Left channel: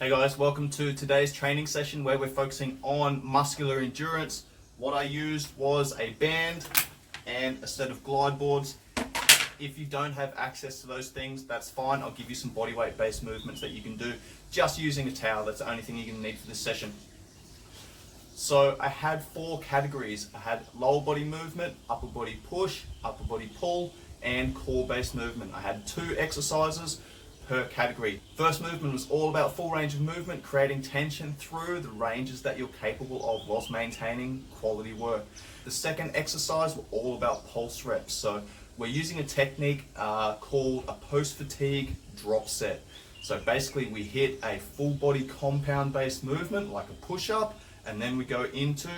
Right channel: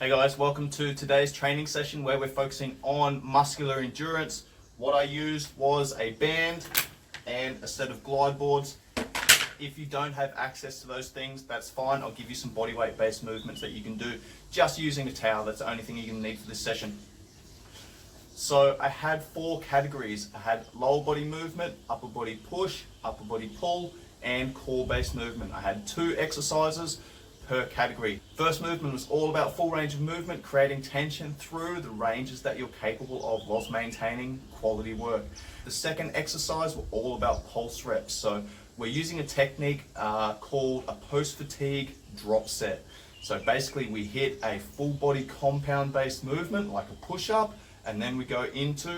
Hey guys, welcome to today's training session where we're focusing on muscular endurance. What I used was a band and a set of glide boards. If you don't have access to those things, that's fine. I'll give you some body weight based movements that you can do just using a towel. That's the only thing you're going to need for this session. So I had 4 categories. I had lower body movement, upper body push, upper body pull, and core based movement. I had 2 exercises per category. First movement was all about full range of movement, creating tension through the ranges that you're capable of whilst maintaining quality work. The second exercise were all about pulse reps. So we're using a technique called a post-fatigue drop set. So basically we hit a full body compound based movement like a push-up, and then we go into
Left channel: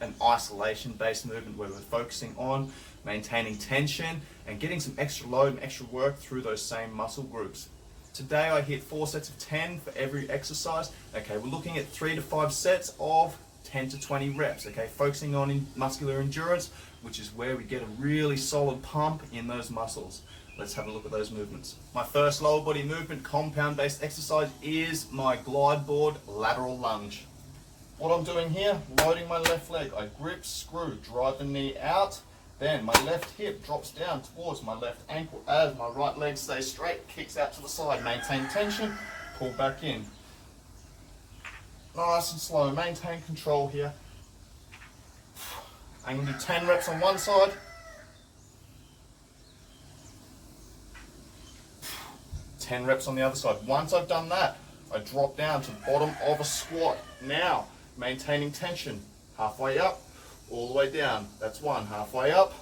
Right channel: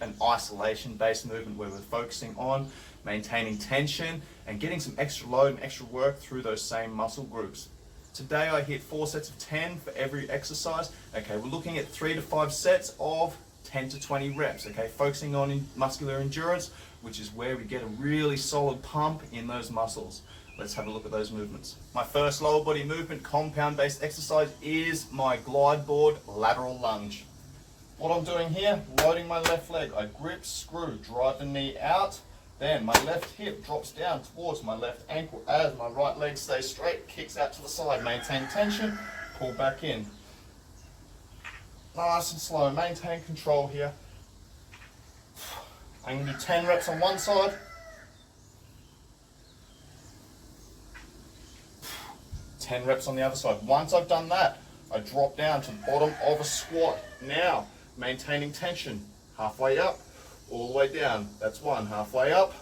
an isolation based movement where we're focusing on maintaining tension and getting some extra load and extra work through those same muscle groups. Today I hit 4 sets of 10 for every exercise. Okay, we're looking at 3 to 5 sets of 10 to 20 reps. Okay, focusing on muscular endurance, which is where we get a really solid pump in those muscles. Let's have a look at those movements. My first lower body movement compound based exercise is my glide board lateral lunge. What I'm doing here, loading my left leg, I grip, screw, drive the knee out, then my left hip drops down towards my left ankle as my right leg stays straight, kicks out to the side, maintain tension, pull back in. Nice and slow, maintain control here. I'm going to do 10 reps on one side, 10 reps on the other side. Once I've done that, I drop down to the bottom of a squat. Now, maintaining tension, halfway up, all the way down. That's 1, halfway up,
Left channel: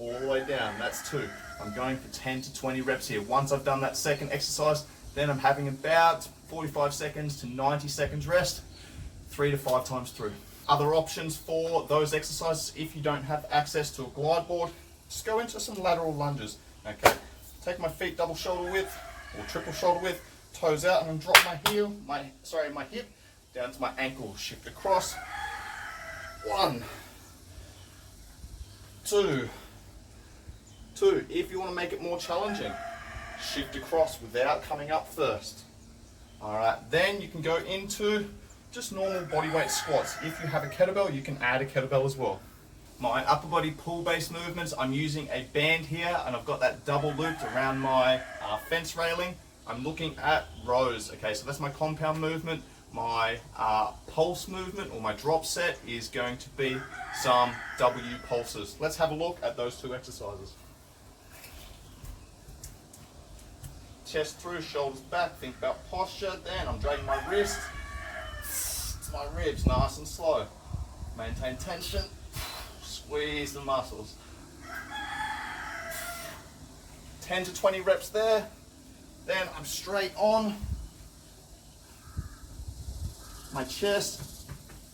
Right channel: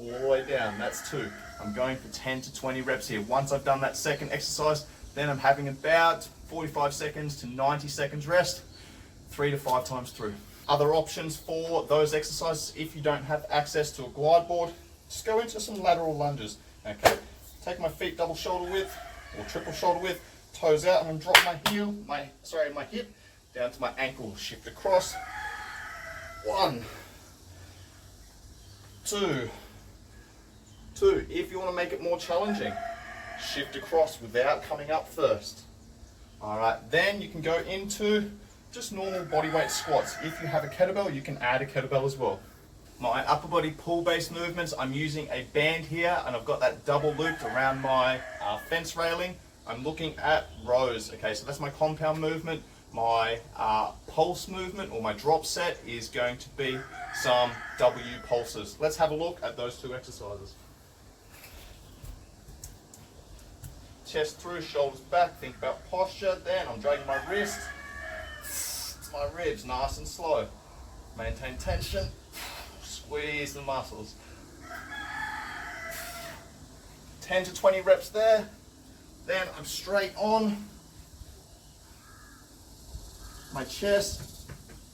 all the way down. That's 2. I'm going for 10 to 20 reps here. Once I've done that second exercise, then I'm having about 45 seconds to 90 seconds rest, 3 to 5 times through. Other options for those exercises, if you don't have access to a glide board, just go into some lateral lunges. Okay, take my feet double shoulder width or triple shoulder width, toes out, and then drop my hip down to my ankle, shift across. 1, 2. If you want to make it more challenging, shift across without coming up first. Alright, then you can go into just normal body weight squats. If you have a kettlebell, you can add a kettlebell as well. My upper body pull based movements, I'm using a band here and I've got that double looped around my fence railing. I'm looking at rows. Okay, so that's my compound movement. My pulse movement or my drop set is going to be some W pulses. Let's have a look at those 2 exercises. Chest through, shoulders back, think about posture. Then I'm dragging my wrist to my ribs, nice and slow. Maintain tension, squeeze the muscles. 10 to 20 reps there. Then I'm straight on my chest,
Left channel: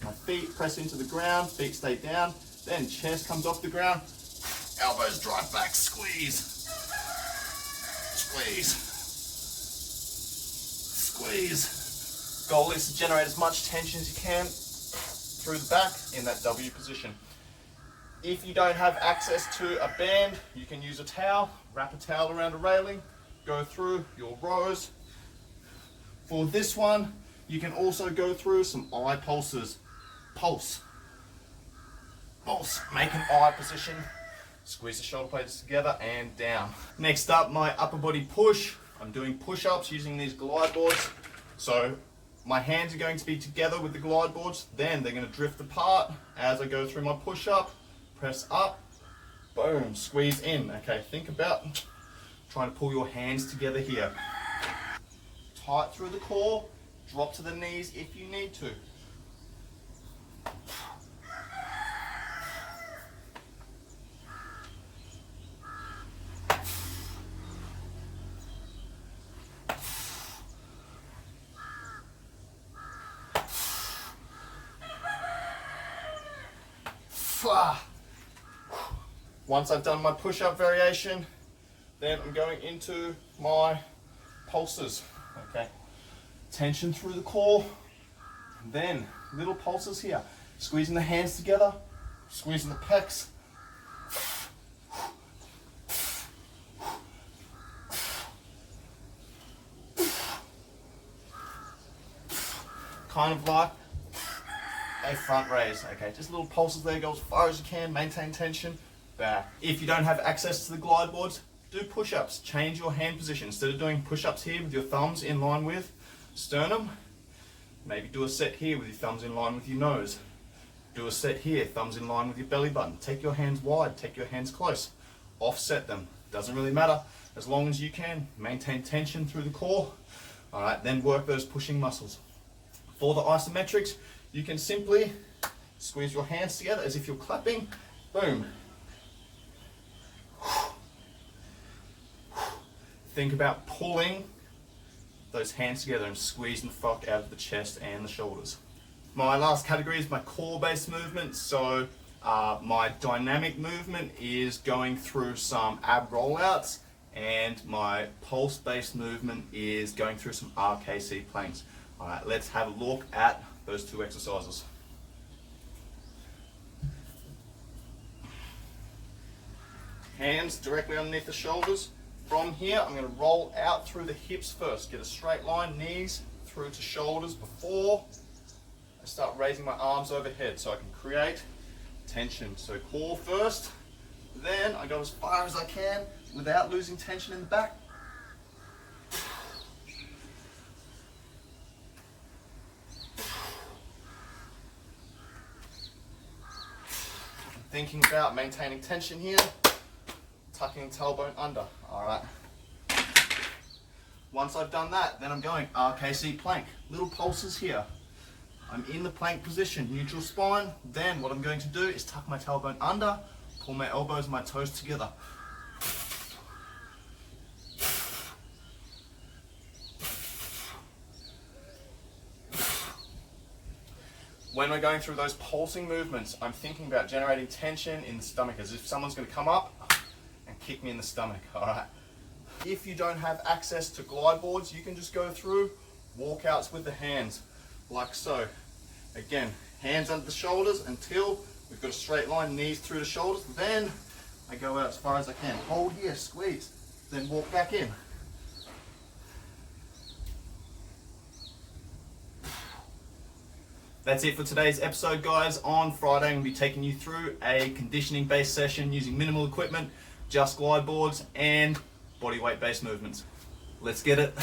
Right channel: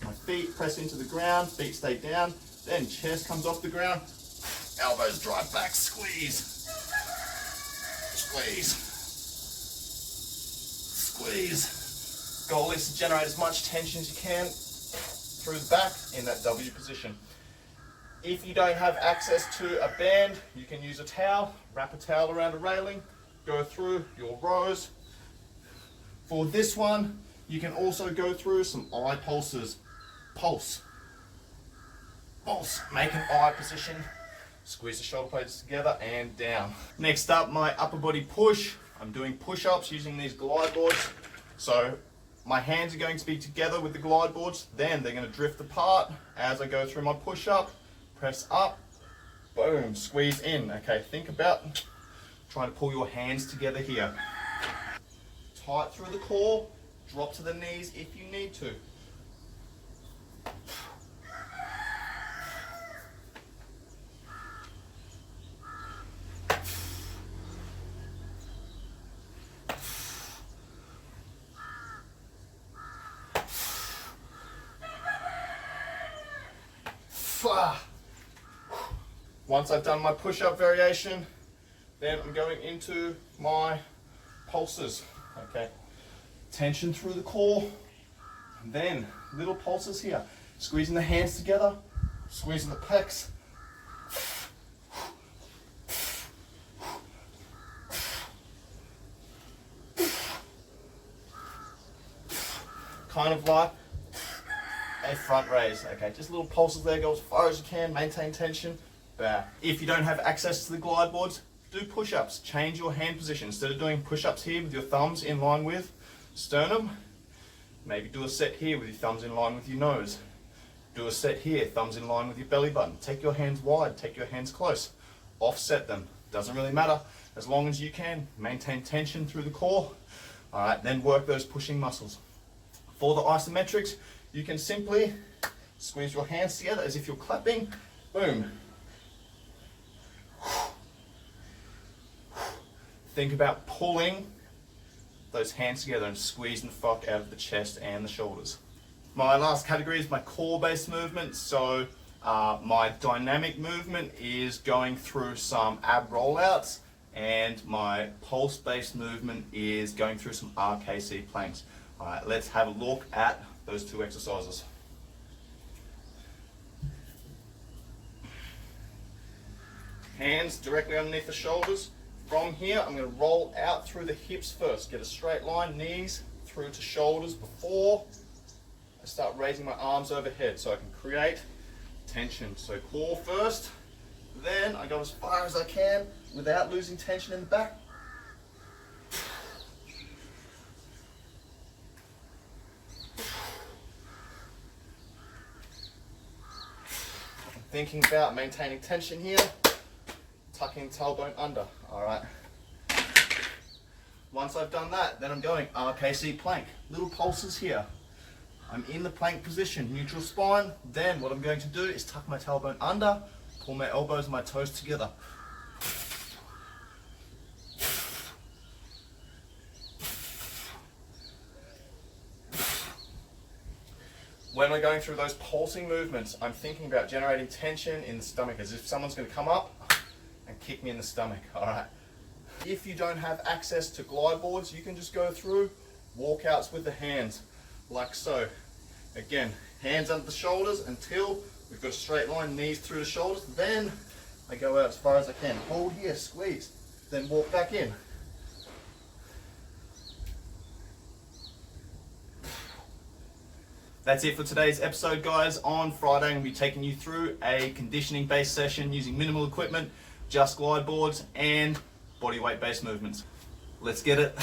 my feet press into the ground, feet stay down, then chest comes off the ground, elbows drive back, squeeze, squeeze, squeeze. Goal is to generate as much tension as you can through the back in that W position. If you don't have access to a band, you can use a towel, wrap a towel around a railing, go through your rows. For this one, you can also go through some eye pulses. Pulse. Pulse. Make an eye position. Squeeze the shoulder blades together and down. Next up, my upper body push. I'm doing push-ups using these glide boards. So my hands are going to be together with the glide boards. Then they're going to drift apart as I go through my push-up. Press up. Boom. Squeeze in. Okay, think about trying to pull your hands together here. Tight through the core. Drop to the knees if you need to. Once I've done my push-up variation, then I'm going into my pulses. Okay. Tension through the core, and then little pulses here, squeezing the hands together, squeezing the pecs, kind of like a front raise. Okay, just little pulses there, go as far as you can, maintain tension, back. If you don't have access to the glide boards, do push-ups. Change your hand position. Instead of doing push-ups here with your thumbs in line with sternum, maybe do a set here with your thumbs in line with your nose. Do a set here, thumbs in line with your belly button. Take your hands wide, take your hands close. Offset them. Doesn't really matter. As long as you can, maintain tension through the core. All right, then work those pushing muscles. For the isometrics, you can simply squeeze your hands together as if you're clapping. Boom. Think about pulling those hands together and squeezing the fuck out of the chest and the shoulders. My last category is my core-based movement. So my dynamic movement is going through some ab rollouts, and my pulse-based movement is going through some RKC planks. All right, let's have a look at those two exercises. Hands directly underneath the shoulders. From here, I'm going to roll out through the hips first. Get a straight line, knees through to shoulders before I start raising my arms overhead so I can create tension. So core first, then I go as far as I can without losing tension in the back. Thinking about maintaining tension here, tucking tailbone under. All right. Once I've done that, then I'm going RKC plank. Little pulses here. I'm in the plank position, neutral spine. Then what I'm going to do is tuck my tailbone under, pull my elbows and my toes together. When we're going through those pulsing movements, I'm thinking about generating tension in the stomach as if someone's going to come up and kick me in the stomach. All right. If you don't have access to glide boards, you can just go through walkouts with the hands, like so. Again, hands under the shoulders until we've got a straight line, knees through the shoulders. Then I go out as far as I can. Hold here, squeeze, then walk back in. That's it for today's episode, guys. On Friday, I'm going to be taking you through a conditioning-based session using minimal equipment, just glide boards and body weight-based movements. Let's get it.